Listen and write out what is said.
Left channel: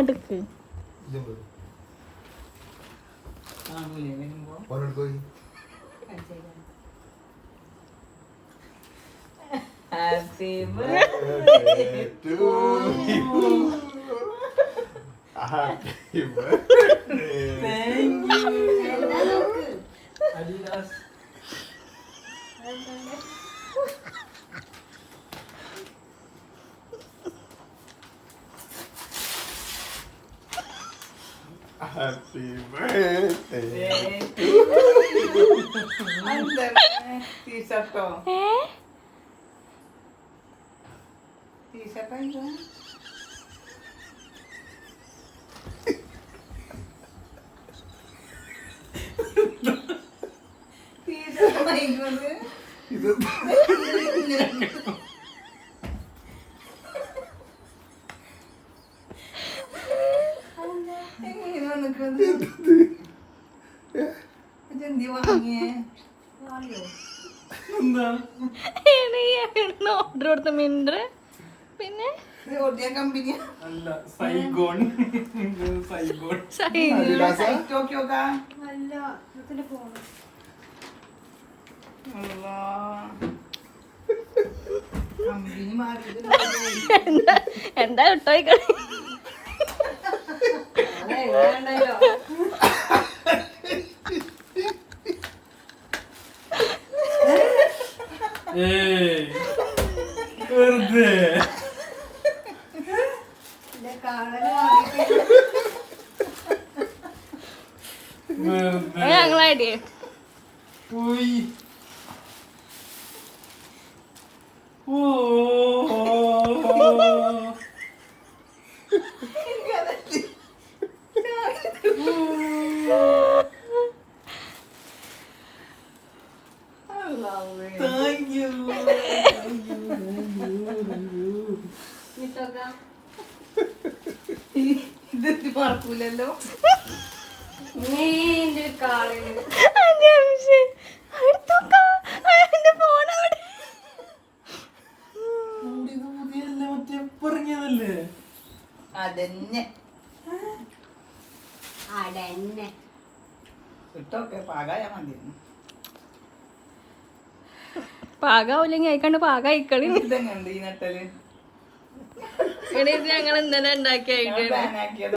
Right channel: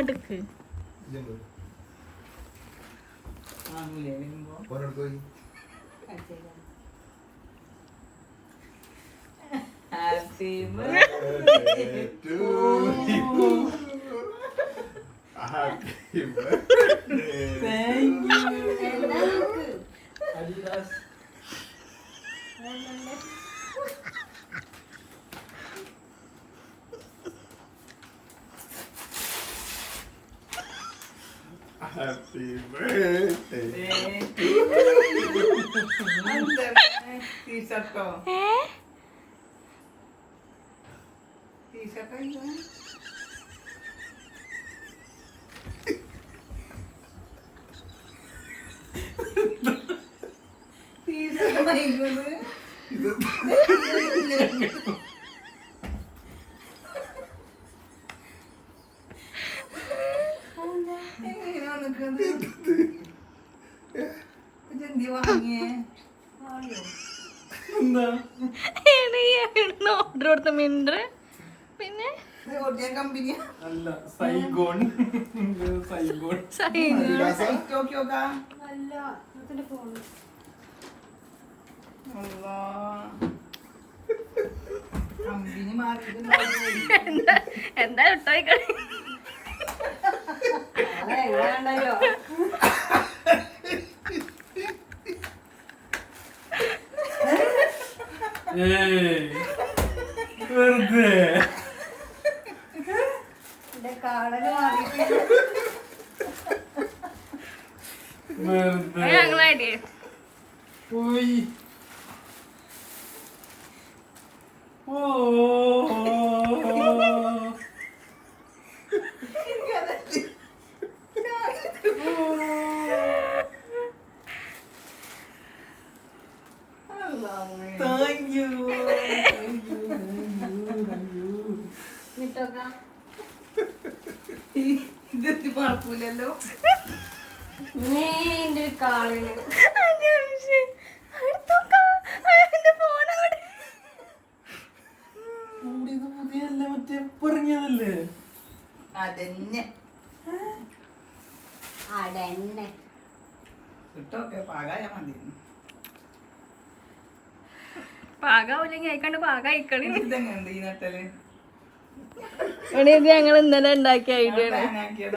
അടുക്ക് Happy birthday to you. Happy birthday. Thank you. Adidas. Happy birthday. Thank you. Under t-shirt ko. T-shirt ayo. T-shirt ayo. Order കൊടുത്ത മിൻഡർ പിന്നെ എന്താ ഇട്ടോ ഞങ്ങളായിട്ടേ Thank you. ഇത് പറക്കൂലല്ലോ. പുതിയല്ല മറ്റേ പറഞ്ഞതല്ലേ അതന്നെ ഇട്ടൊക്കെ പാകായ മതി. പാകാവില്ലെങ്കിൽ അയക്കാണ്ട് പാകായിക്കളി ഇതെങ്ങണ്ട് ഈ നട്ടല് എണീത് ഞങ്ങൾ ഇന്നലെ ഉണ്ടാക്കിയ ഐഡിയ തേങ്ങാക്കിയത്